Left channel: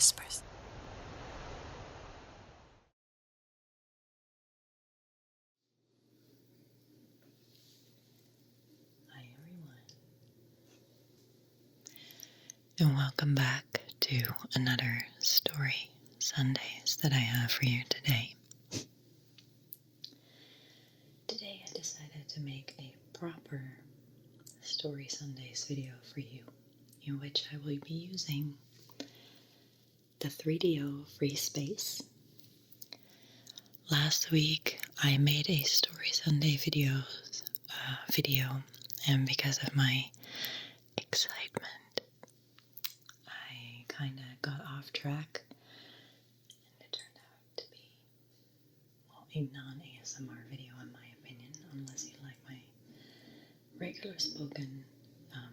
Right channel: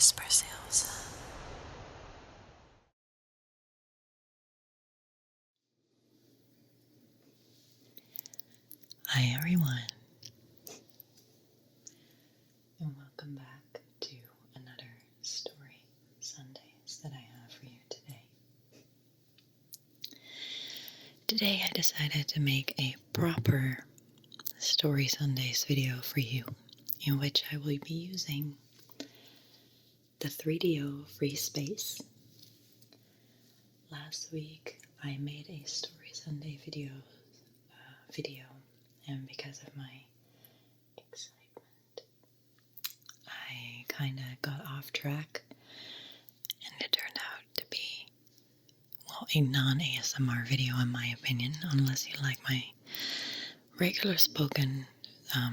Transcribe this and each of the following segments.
TheWaterwhispers. Hi everyone, and welcome back to another Story Sundays that I have for you today. Today I decided to make a proper Story Sundays video for you, in which I will be using the 3DO free space. Last week I made a Story Sunday video, and because of my excitement, I kind of got off track, and it turned out to be, well, a non-ASMR video in my opinion, unless you like my regular spoken,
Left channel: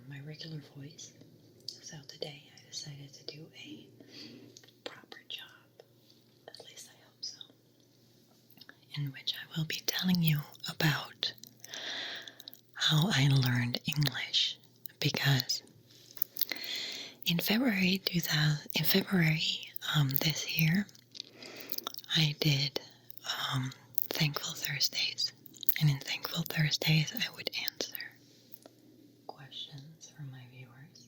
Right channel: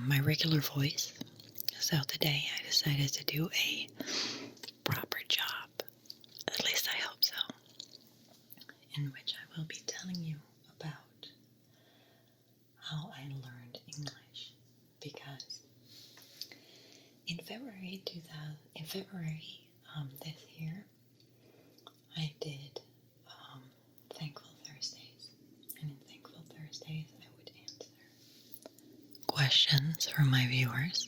my regular voice. So today I decided to do a proper job, at least I hope so, in which I will be telling you about how I learned English, because in February this year, I did Thankful Thursdays, and in Thankful Thursdays I would answer questions from my viewers,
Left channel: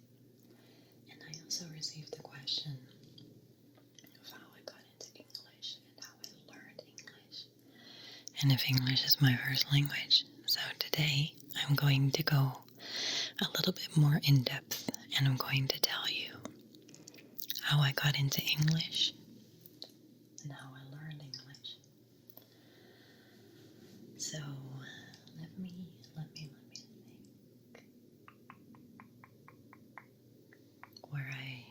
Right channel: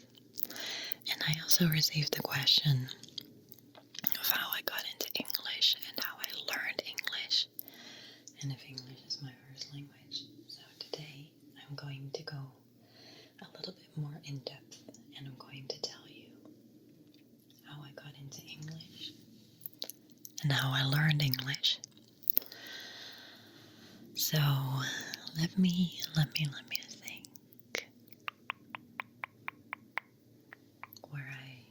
and I also received the question of how I got into English and how I learned English, and if English is my first language. So today I'm going to go a little bit more in depth, and I'm going to tell you how I got into English and how I learned English. So let me think where I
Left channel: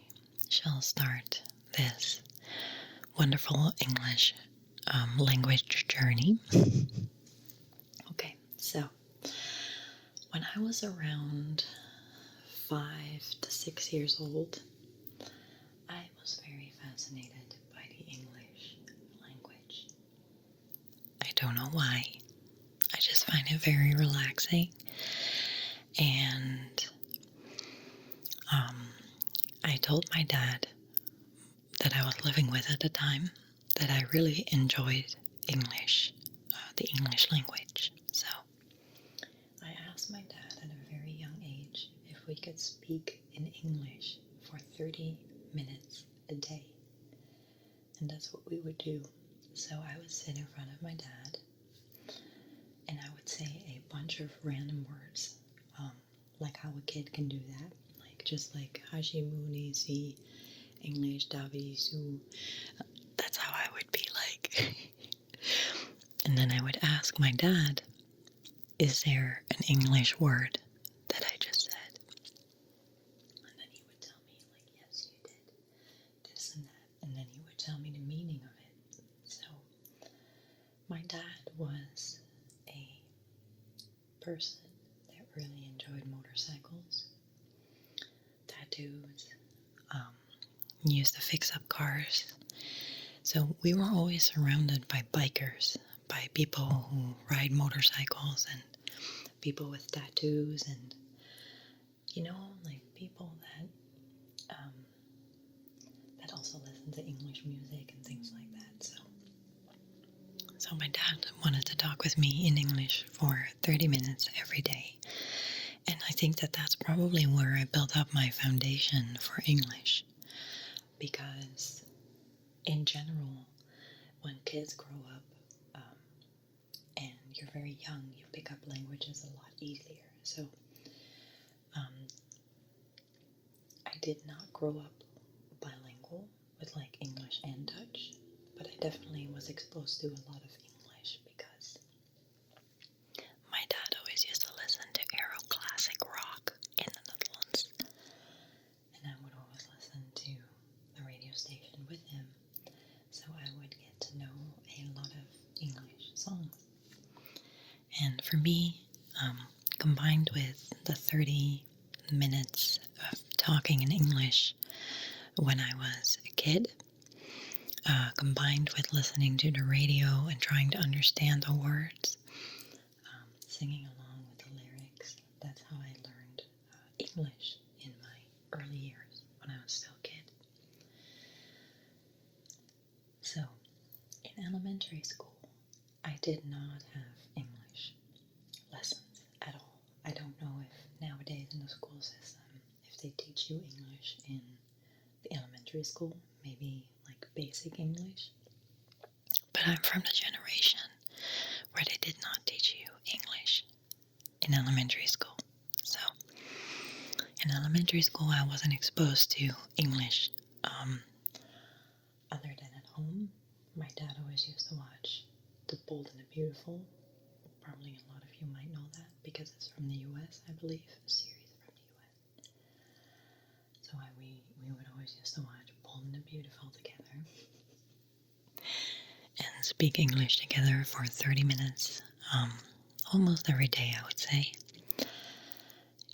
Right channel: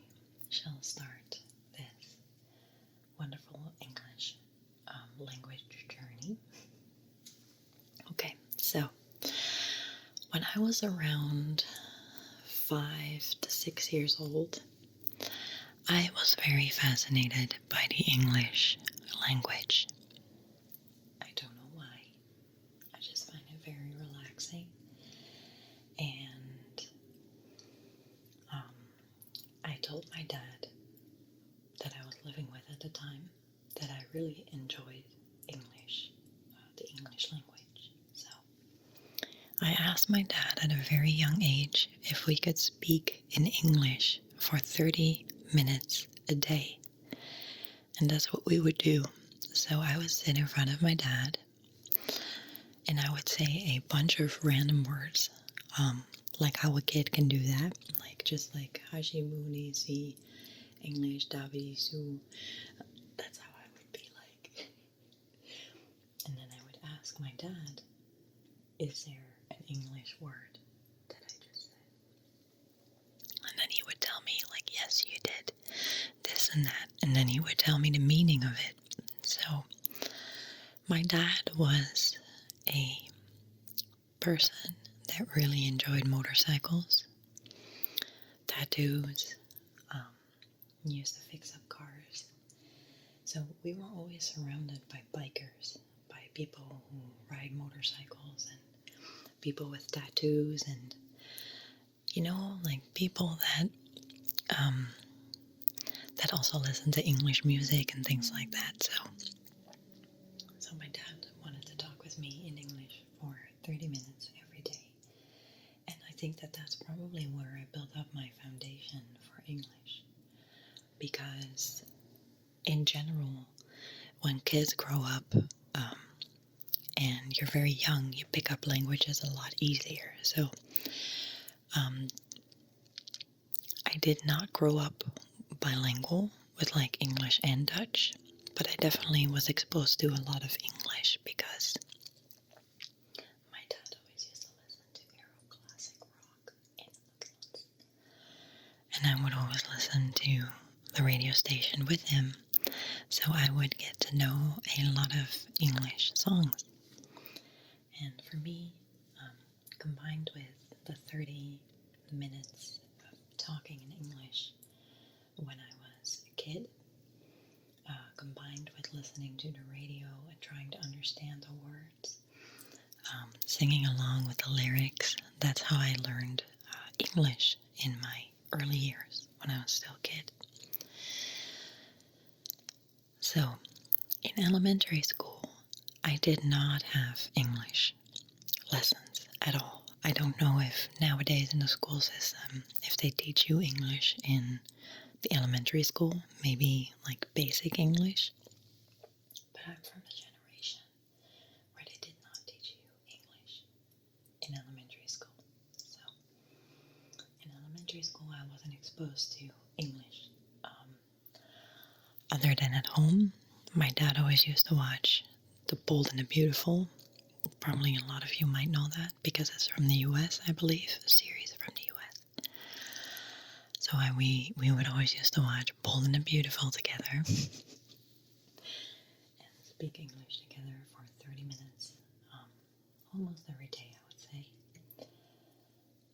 shall start this wonderful English language journey. Okay, so when I was around 5 to 6 years old, I was very fascinated by the English language. I don't know why. I just find it very relaxing, and I told my dad that I was living with at the time that I really enjoyed English, the English language. So I asked my dad at a very young age if we could speak in English for 30 minutes a day, and that's what we would do. So I would sit in front of my dad, and I would say a bunch of random words, like how a kid can do that, just like Hashimuni si English Davi su. That's how I would be like. And then I would ask my dad, is there an English word that I just said? And then he would tell me, like, yes, you did this and that. And then he would tell me the meaning of it. So my dad was a person that really enjoyed motorcycles, tattoos, used to fix up cars. So we were always surrounded by bikers, by people who ride motorcycles, and people with tattoos, and like people that that also listen to English music and things like that. So my dad wanted to talk with me in English for 30 minutes every day. And I think that that's probably where I built up my foundation for English. Because in general, when kids grow up and you're very young, you pick up languages a lot easier. So I did not grow up bilingual with like English and Dutch, but I definitely was exposed to a lot of English because my dad always used to listen to Aero classic rock in the Netherlands, and I would always listen to the radio station with him, so I would get to know a lot of English songs. And for me, combined with the 30 minutes of talking in English when I was a kid, combined with listening to the radio and trying to understand the words, singing along with the lyrics, that's how I learned English in my early years when I was still a kid. So, in elementary school, I did not have English lessons at all. I don't know if nowadays in the school system, if they teach you English in the elementary school, maybe like basic English. But I'm from the generation where they did not teach you English in elementary school. So, in elementary school, I wasn't exposed to English other than at home. My dad always used to watch The Bold and the Beautiful. Probably a lot of you might know that because it's from the US, I believe, a series from the US. So we would always used to watch Bold and the Beautiful together and speak English together for 30 minutes, almost every day, I would say.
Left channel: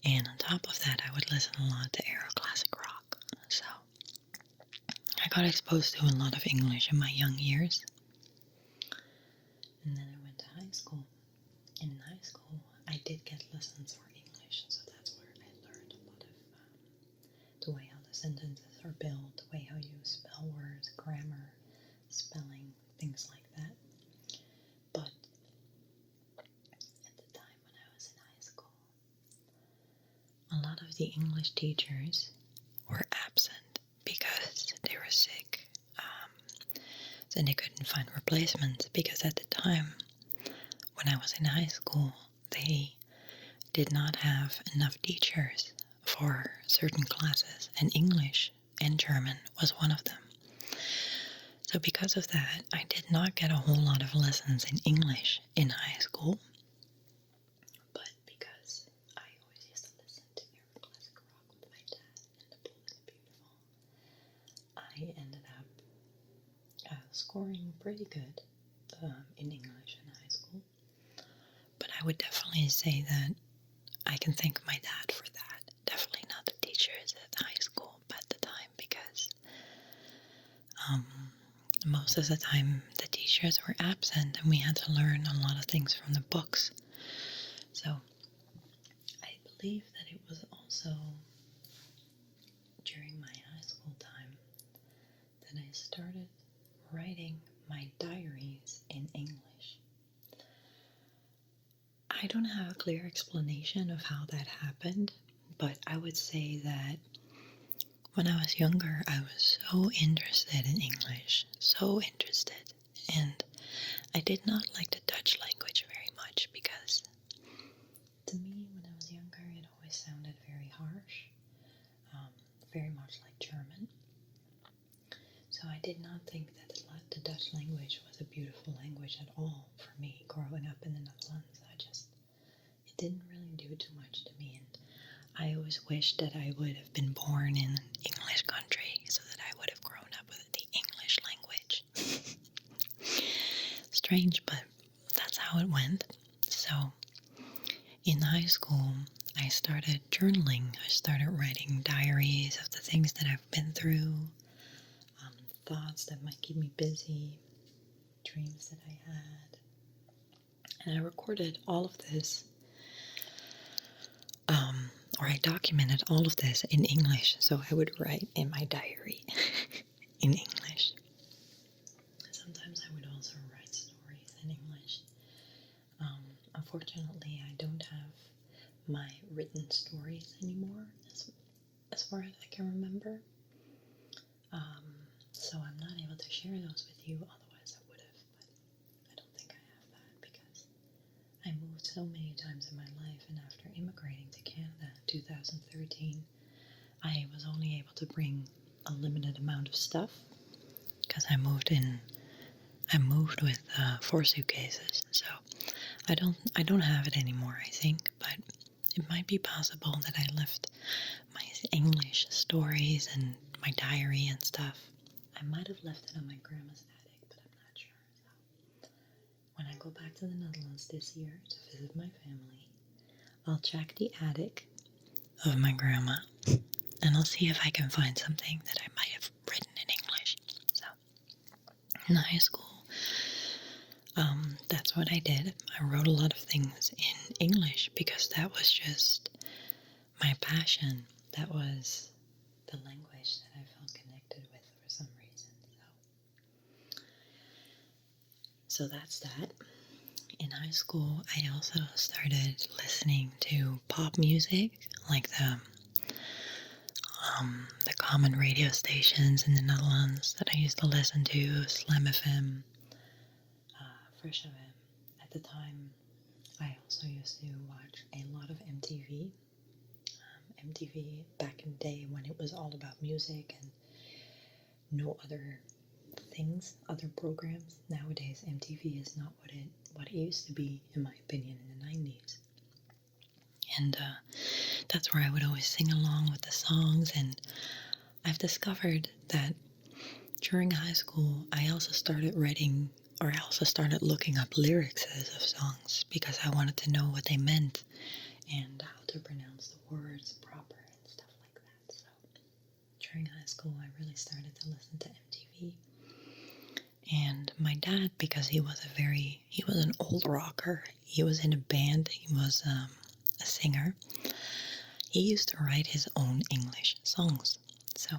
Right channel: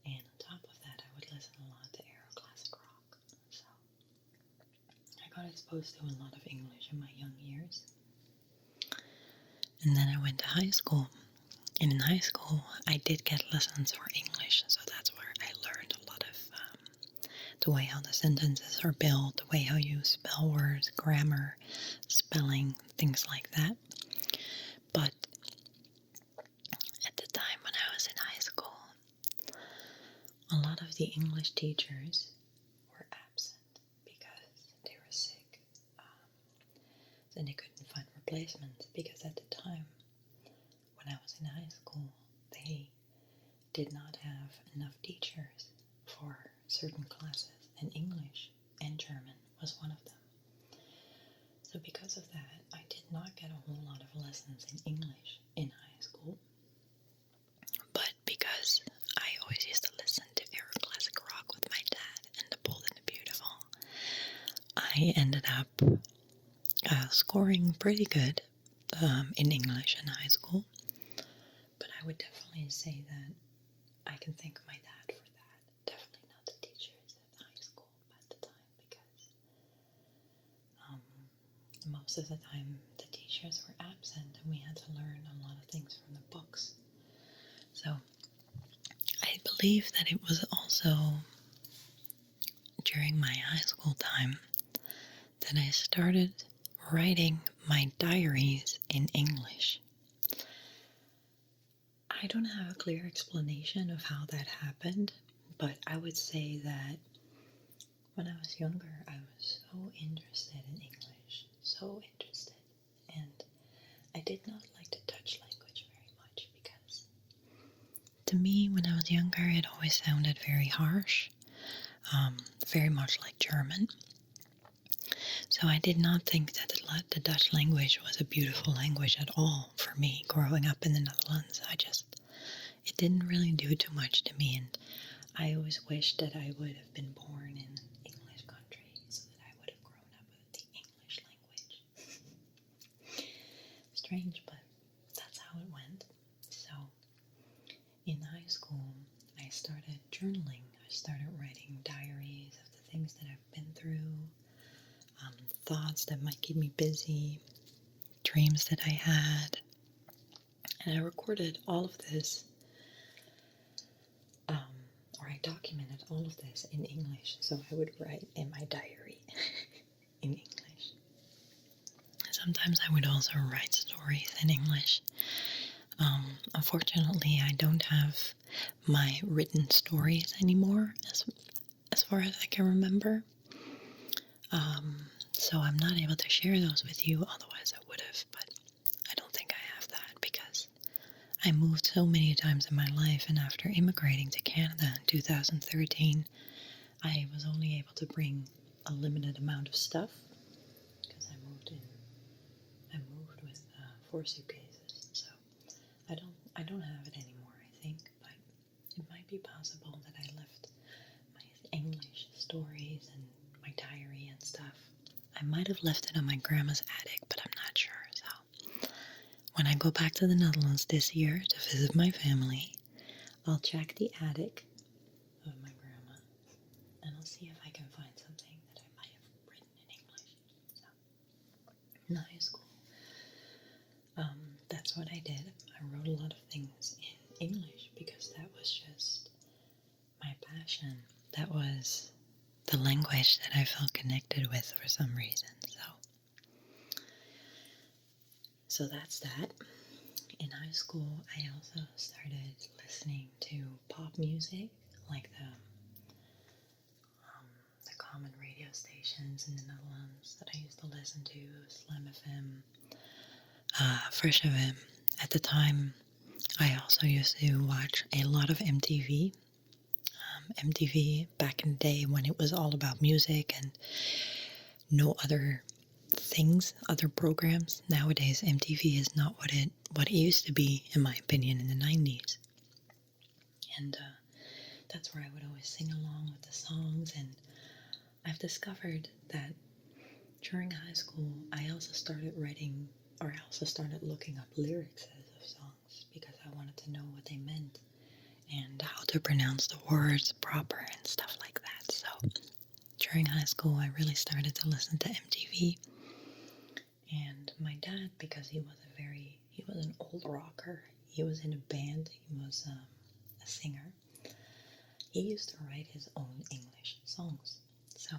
And on top of that, I would listen a lot to era classic rock. So I got exposed to a lot of English in my young years. And then I went to high school. And in high school, I did get lessons for English. So that's where I learned a lot of the way how the sentences are built, the way how you spell words, grammar, spelling, things like that. But at the time when I was in high school, a lot of the English teachers were absent because they were sick. So they couldn't find replacements because at the time when I was in high school, they did not have enough teachers for certain classes, and English and German was one of them. So because of that, I did not get a whole lot of lessons in English in high school. But because I always used to listen to era classic rock with my dad and The Bold and the Beautiful, I ended up scoring pretty good in English in high school. But I would definitely say that I can thank my dad for that. Definitely not the teachers at high school at the time, because most of the time the teachers were absent and we had to learn a lot of things from the books. So I believe that it was also during my high school time that I started writing my diaries in English. I don't have a clear explanation of how that happened, but I would say that when I was younger, I was so interested in English, so interested, and I did not like the Dutch language very much because to me, when I was younger, it always sounded very harsh, very much like German. So I did not think that the Dutch language was a beautiful language at all for me growing up in the Netherlands. It didn't really do too much to me, and I always wished that I would have been born in an English country so that I would have grown up with the English language. Strange, but that's how it went. So in high school, I started journaling. I started writing diaries of the things that I've been through, thoughts that might keep me busy, dreams that I had. And I recorded all of this, or I documented all of this in English. So I would write in my diary in English. Sometimes I would also write stories in English. Unfortunately, I don't have my written stories anymore, as far as I can remember. So I'm not able to share those with you, otherwise I would have, but I don't think I have that because I moved so many times in my life, and after immigrating to Canada in 2013, I was only able to bring a limited amount of stuff because I moved with 4 suitcases, so I don't have it anymore, I think, but it might be possible that I left my English stories and my diary and stuff. I might have left it on my grandma's attic, but I'm not sure. So when I go back to the Netherlands this year to visit my family, I'll check the attic of my grandma and I'll see if I can find something that I might have written in English. So in high school, that's what I did. I wrote a lot of things in English because that was just my passion. That was the language that I felt connected with for some reason. So So that's that. In high school, I also started listening to pop music, like the common radio stations in the Netherlands that I used to listen to, Slam FM, Fresh FM. At the time, I also used to watch a lot of MTV. MTV back in the day when it was all about music and no other things, other programs. Nowadays, MTV is not what it used to be, in my opinion, in the 90s. And that's where I would always sing along with the songs. And I've discovered that during high school, I also started writing, or I also started looking up lyrics of songs because I wanted to know what they meant and how to pronounce the words proper and stuff like that. So during high school, I really started to listen to MTV. And my dad, because he was an old rocker. He was in a band. He was a singer. He used to write his own English songs. So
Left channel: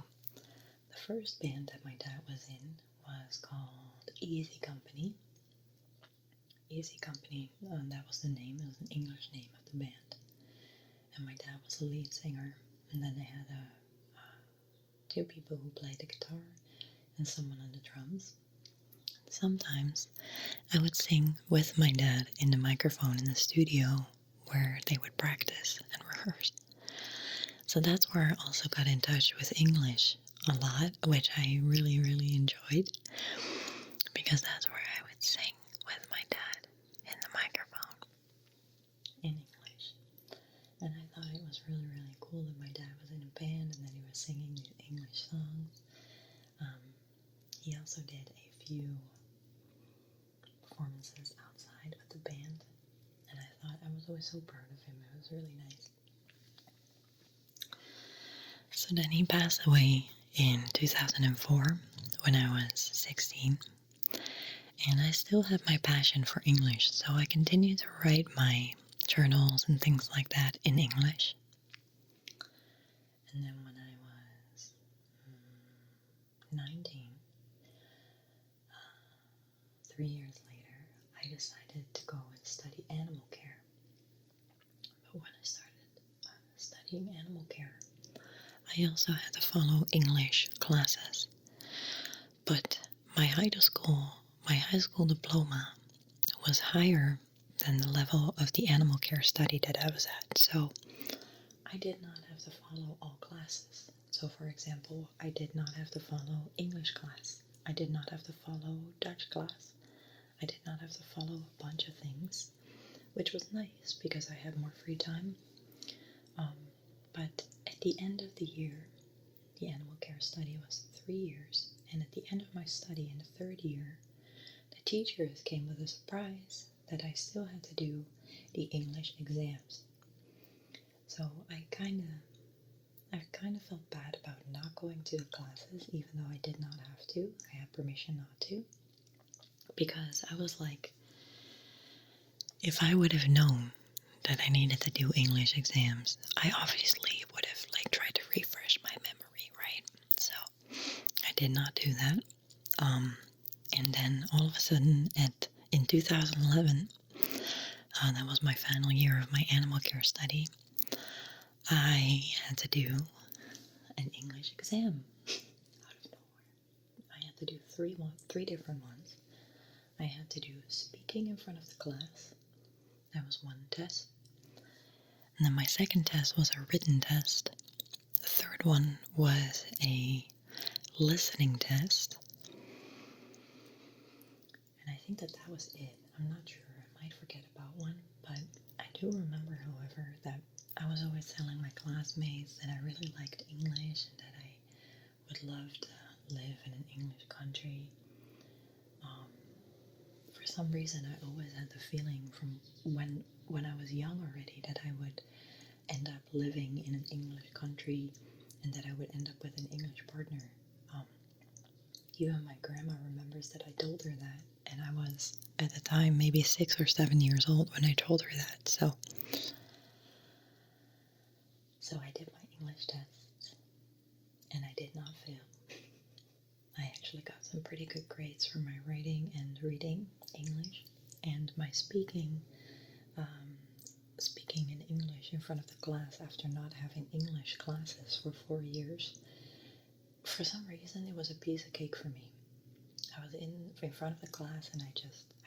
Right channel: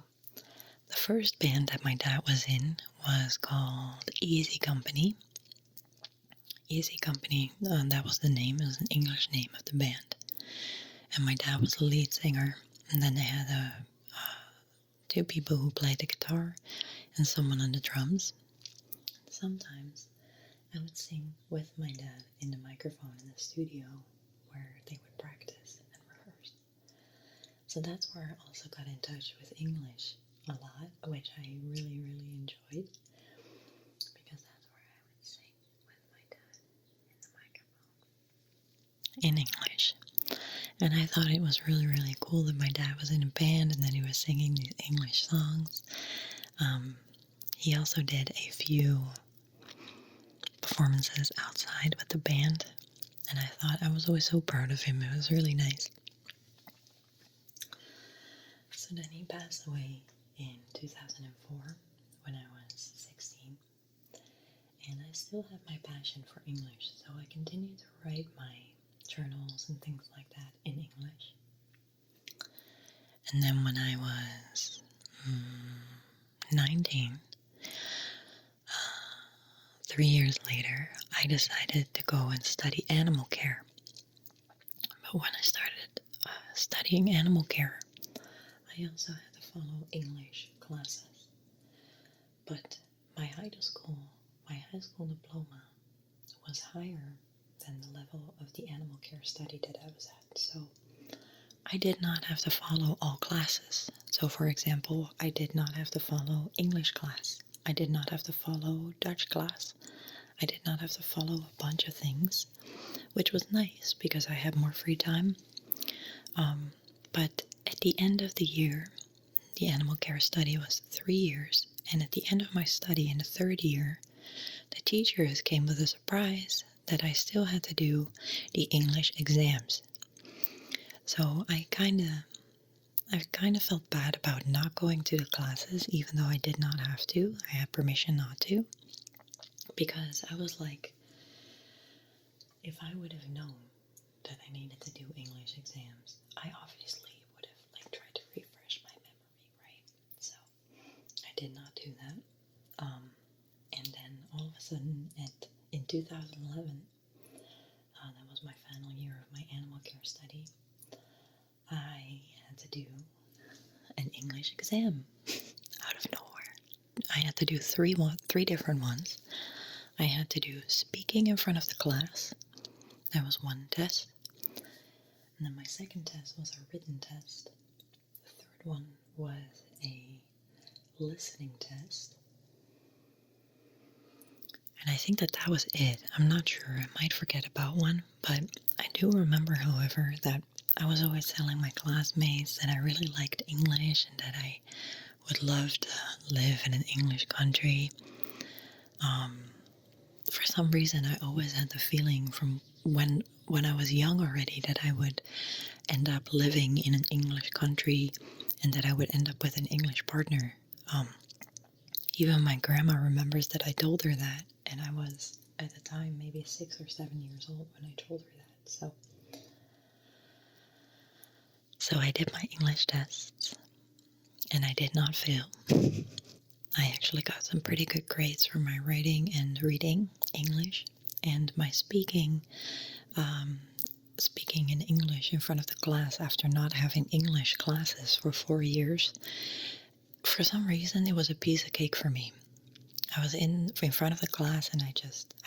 the first band that my dad was in was called Easy Company. Easy Company, that was the name. It was an English name of the band. And my dad was the lead singer. And then they had two people who played the guitar and someone on the drums. Sometimes I would sing with my dad in the microphone in the studio where they would practice and rehearse. So that's where I also got in touch with English a lot, which I really, really enjoyed because that's where I would sing with my dad in the microphone in English. And I thought it was really, really cool that my dad was in a band and that he was singing these English songs. He also did a few performances outside with the band, and I thought I was always so proud of him. It was really nice. So then he passed away in 2004 when I was 16, and I still have my passion for English, so I continue to write my journals and things like that in English. And then when I was 19, 3 years later, I decided to go and study animal care. But when I started studying animal care, I also had to follow English classes. But my high school diploma was higher than the level of the animal care study that I was at. So I did not have to follow all classes. So for example, I did not have to follow English class. I did not have to follow Dutch class. I did not have to follow a bunch of things, which was nice because I had more free time. But at the end of the year, the animal care study was 3 years. And at the end of my study in the third year, the teachers came with a surprise that I still had to do the English exams. So I kind of felt bad about not going to the classes, even though I did not have to. I had permission not to. Because I was like, if I would have known that I needed to do English exams, I obviously would have tried to refresh my memory, right? So I did not do that. And then all of a sudden, in 2011, that was my final year of my animal care study, I had to do an English exam out of nowhere. I had to do three different ones. I had to do speaking in front of the class. That was one test. And then my second test was a written test. The third one was a listening test. And I think that was it. I'm not sure. I might forget about one. But I do remember, however, that I was always telling my classmates that I really liked English and that I would love to live in an English country. For some reason, I always had the feeling from when I was young already that I would end up living in an English country and that I would end up with an English partner. Even my grandma remembers that I told her that, and I was, at the time, maybe 6 or 7 years old when I told her that. So I did my English tests, and I did not fail. I actually got some pretty good grades for my writing and reading English, and my um, speaking in English in front of the class after not having English classes for 4 years. For some reason, it was a piece of cake for me. I was in front of the class, and I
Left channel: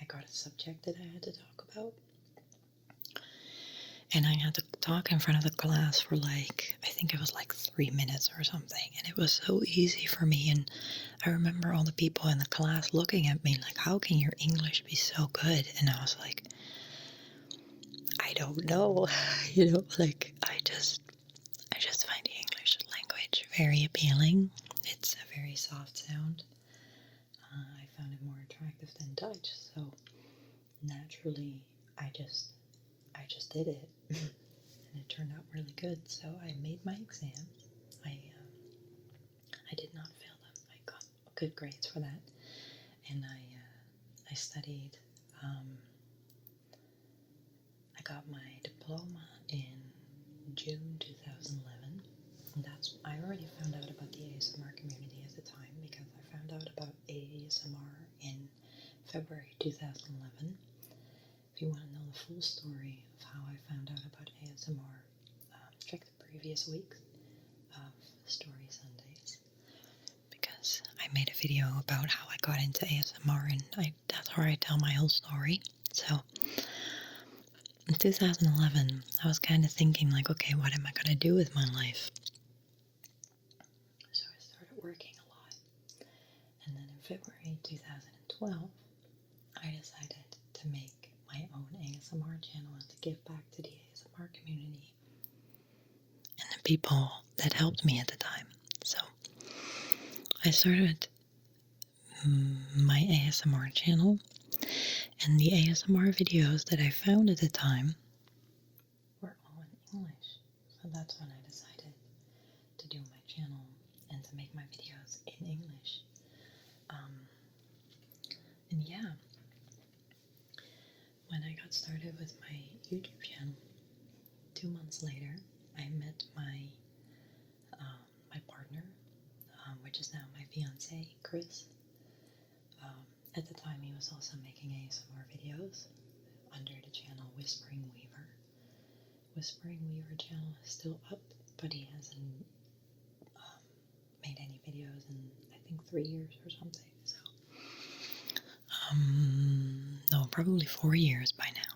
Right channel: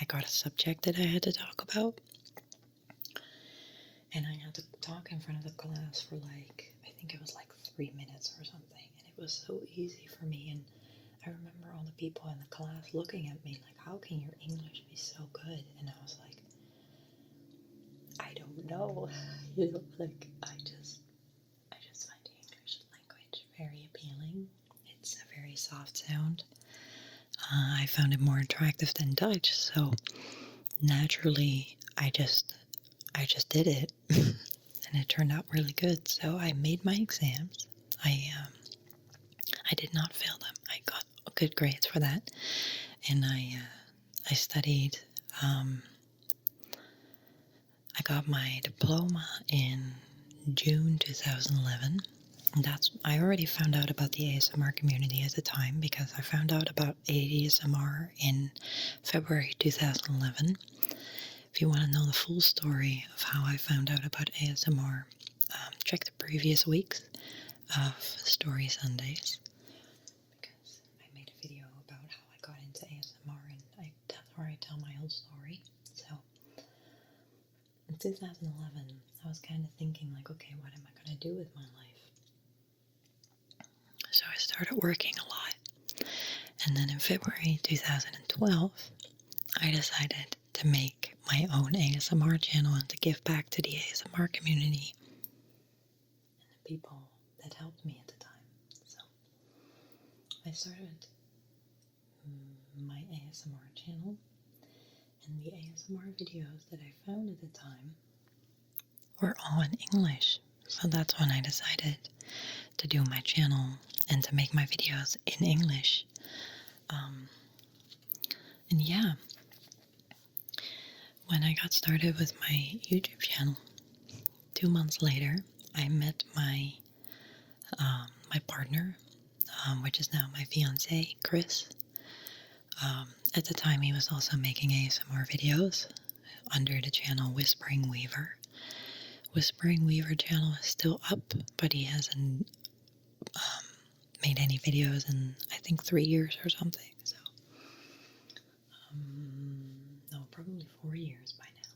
got a subject that I had to talk about, and I had to talk in front of the class for I think it was 3 minutes or something, and it was so easy for me. And I remember all the people in the class looking at me like, how can your English be so good? And I was like, I don't know. I just find the English language very appealing. It's a very soft sound. I found it more attractive than Dutch, so naturally I just did it, and it turned out really good. So I made my exams. I did not fail them. I got good grades for that, and I studied. I got my diploma in June 2011. And I already found out about the ASMR community at the time because I found out about ASMR in February 2011. If you want to know the full story of how I found out about ASMR, check the previous weeks of Story Sundays, because I made a video about how I got into ASMR, and that's where I tell my whole story. So in 2011, I was kind of thinking okay, what am I going to do with my life? So I started working a lot. And then in February 2012, I decided to make my own ASMR channel and to give back to the ASMR community and the people that helped me at the time. So I started my ASMR channel, and the ASMR videos that I found at the time were all in English. So that's when I decided to do my channel and to make my videos in English. And yeah, when I got started with my YouTube channel, 2 months later, I met my partner, which is now my fiance, Chris. At the time, he was also making ASMR videos under the channel Whispering Weaver. Whispering Weaver channel is still up, but he hasn't made any videos in, I think, 3 years or something. So, no, probably 4 years by now.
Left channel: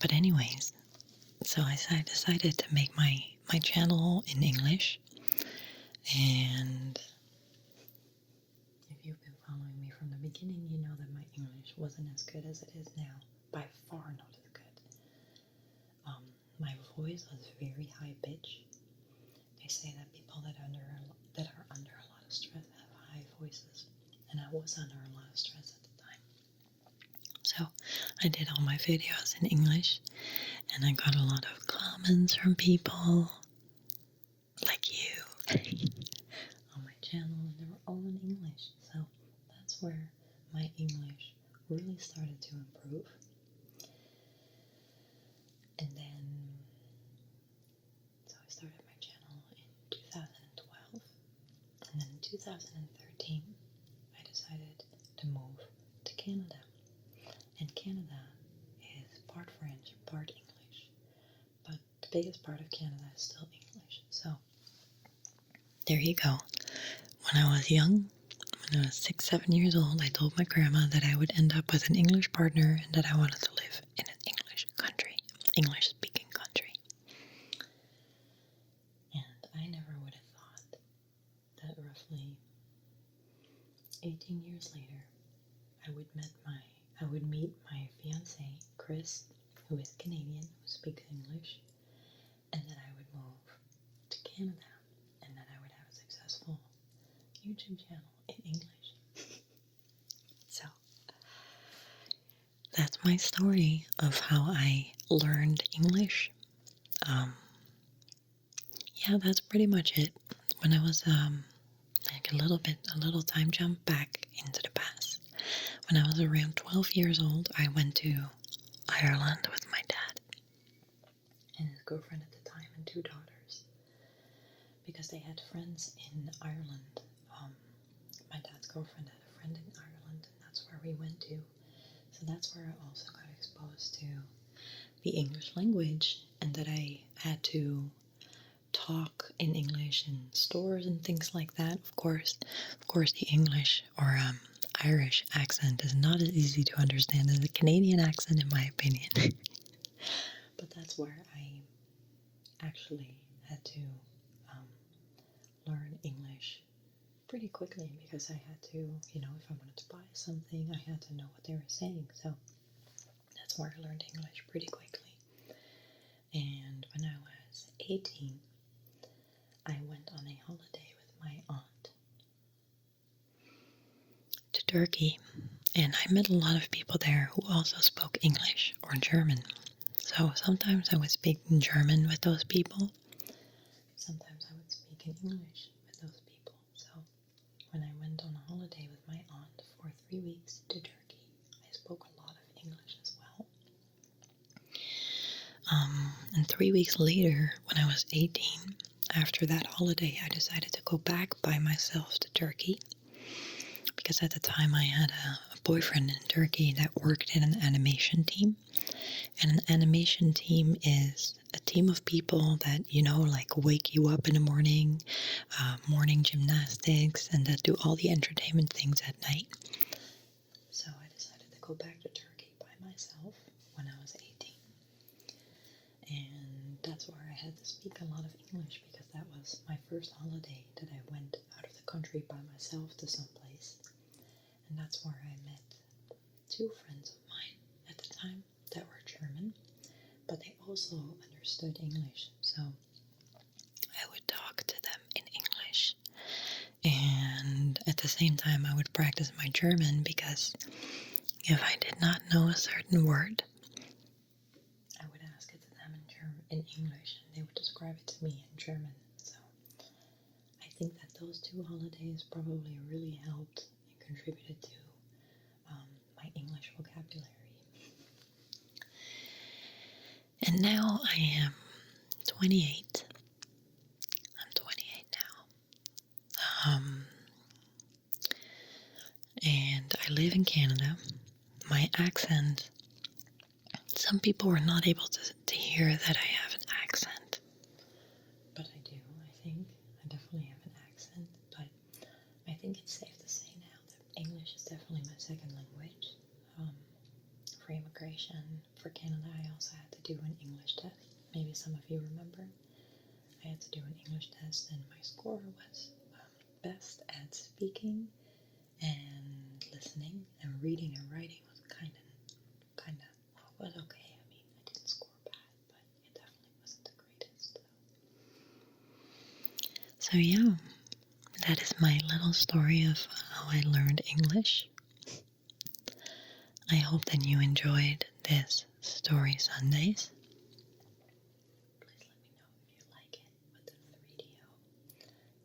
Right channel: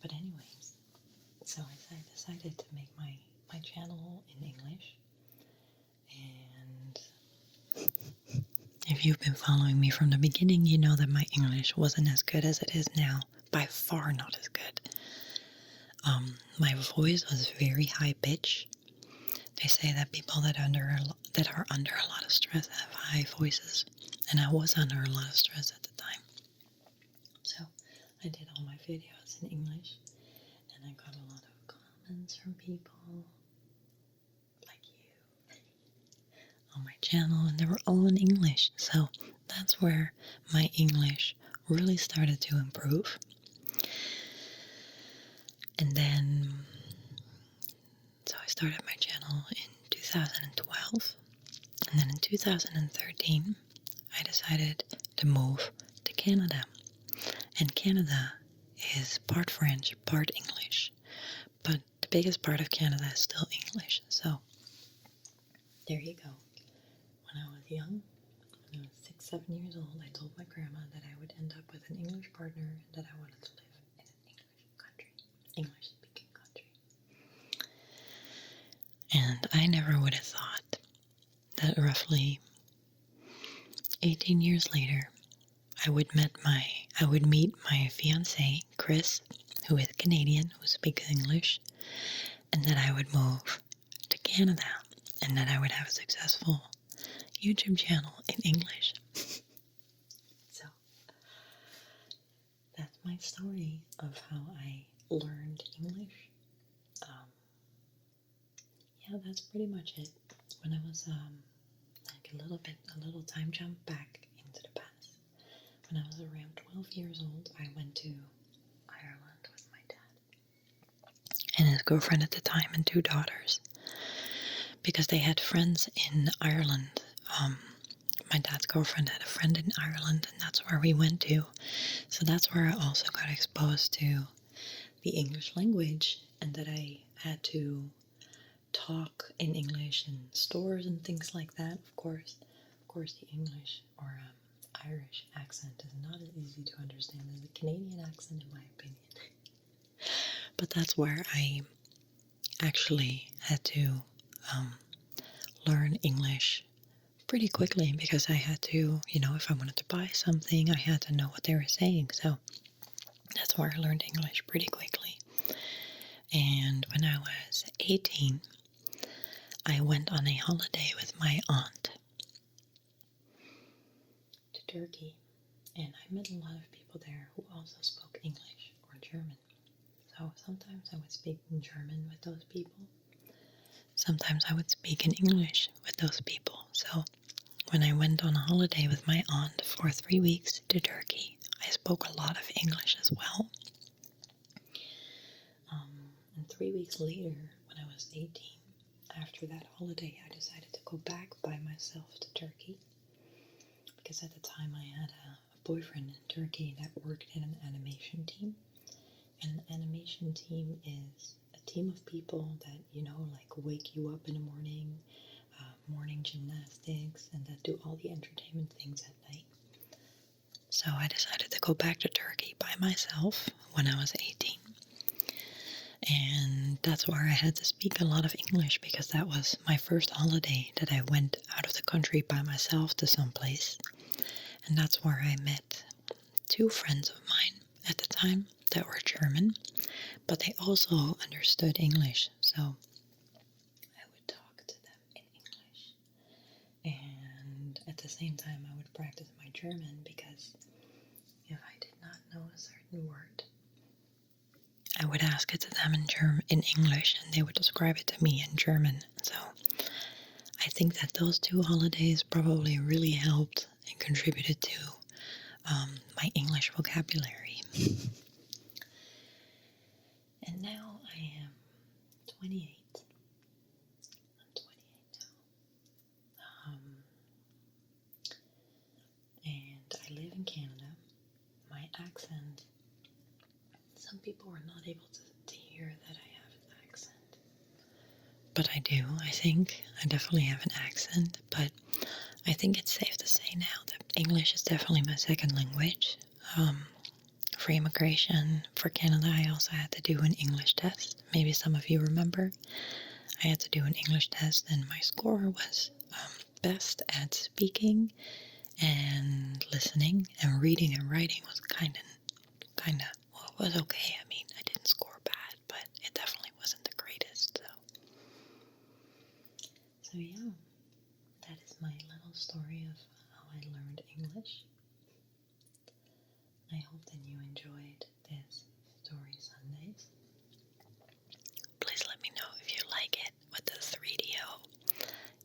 But anyways, so I decided to make my channel in English. And if you've been following me from the beginning, you know that my English wasn't as good as it is now. By far not as good. My voice was very high pitch. They say that people that are under a lot of stress have high voices, and I was under a lot of stress at the time. So I did all my videos in English, and I got a lot of comments from people like you on my channel, and they were all in English. So that's where my English really started to improve. And then, so I started my channel in 2012, and then in 2013, I decided to move to Canada. And Canada is part French, part English, but the biggest part of Canada is still English. So there you go. When I was young, when I was 6, 7 years old, I told my grandma that I would end up with an English partner and that I wanted to live in an English country, English-speaking country. And I never would have thought that roughly 18 years later, I would meet my fiance, Chris, who is Canadian, who speaks English, and that I would move to Canada, and that I would have a successful YouTube channel in English. So that's my story of how I learned English. Yeah, that's pretty much it. When I was a little time jump back into the past. When I was around 12 years old, I went to Ireland with my dad and his girlfriend at the time and 2 daughters, because they had friends in Ireland. my dad's girlfriend had a friend in Ireland, and that's where we went to. So that's where I also got exposed to the English language, and that I had to talk in English in stores and things like that. Of course, the English or Irish accent is not as easy to understand as a Canadian accent, in my opinion. But that's where I actually had to learn English pretty quickly, because I had to, if I wanted to buy something, I had to know what they were saying. So that's where I learned English pretty quickly. And when I was 18, I went on a holiday with my aunt to Turkey, and I met a lot of people there who also spoke English or German. So sometimes I would speak in German with those people. Sometimes I would speak in English with those people. So when I went on a holiday with my aunt for 3 weeks to Turkey, I spoke a lot of English as well. And 3 weeks later, when I was 18, after that holiday, I decided to go back by myself to Turkey, because at the time I had a boyfriend in Turkey that worked in an animation team. And an animation team is a team of people that, like wake you up in the morning, morning gymnastics, and that do all the entertainment things at night. So I decided to go back to Turkey by myself when I was 18. And that's where I had to speak a lot of English, because that was my first holiday that I went out of the country by myself to someplace. And that's where I met 2 friends of mine at the time that were German, but they also understood English. So I would talk to them in English. And at the same time, I would practice my German, because if I did not know a certain word, I would ask it to them in English, and they would describe it to me in German. So I think that those 2 holidays probably really helped and contributed to my English vocabulary. And now I am 28. I'm 28 now. And I live in Canada. My accent, some people were not able to hear that I have an accent, but I do, I think. I definitely have an accent, but I think it's safe to say now that English is definitely my second language. For immigration, for Canada, I also had to do an English test. Maybe some of you remember. I had to do an English test, and my score was best at speaking and listening, and reading and writing was kind of, well, it was okay. I mean, I didn't score bad, but it definitely wasn't the greatest. So yeah, that is my little story of how I learned English. I hope that you enjoyed this Story Sundays. Please let me know if you like it with the 3DO.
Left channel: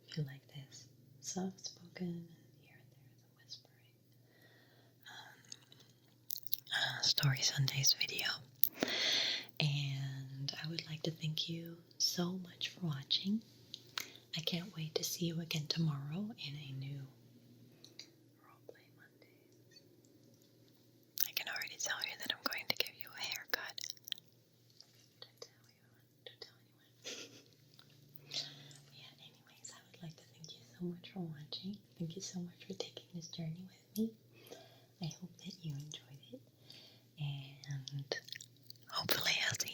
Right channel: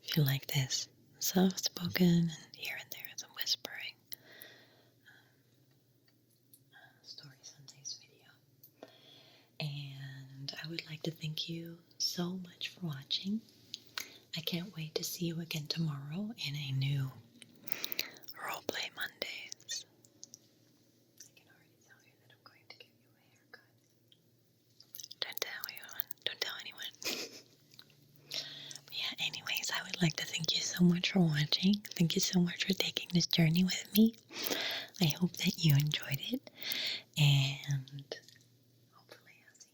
If you like this soft-spoken and here and there some whispering Story Sundays video. And I would like to thank you so much for watching. I can't wait to see you again tomorrow in a new Roleplay Mondays. I can already tell you that I'm going to give you a haircut. Don't tell anyone. But yeah, anyways, I would like to thank you so much for watching. Thank you so much for taking this journey with me. I hope that you enjoyed it, and hopefully I'll see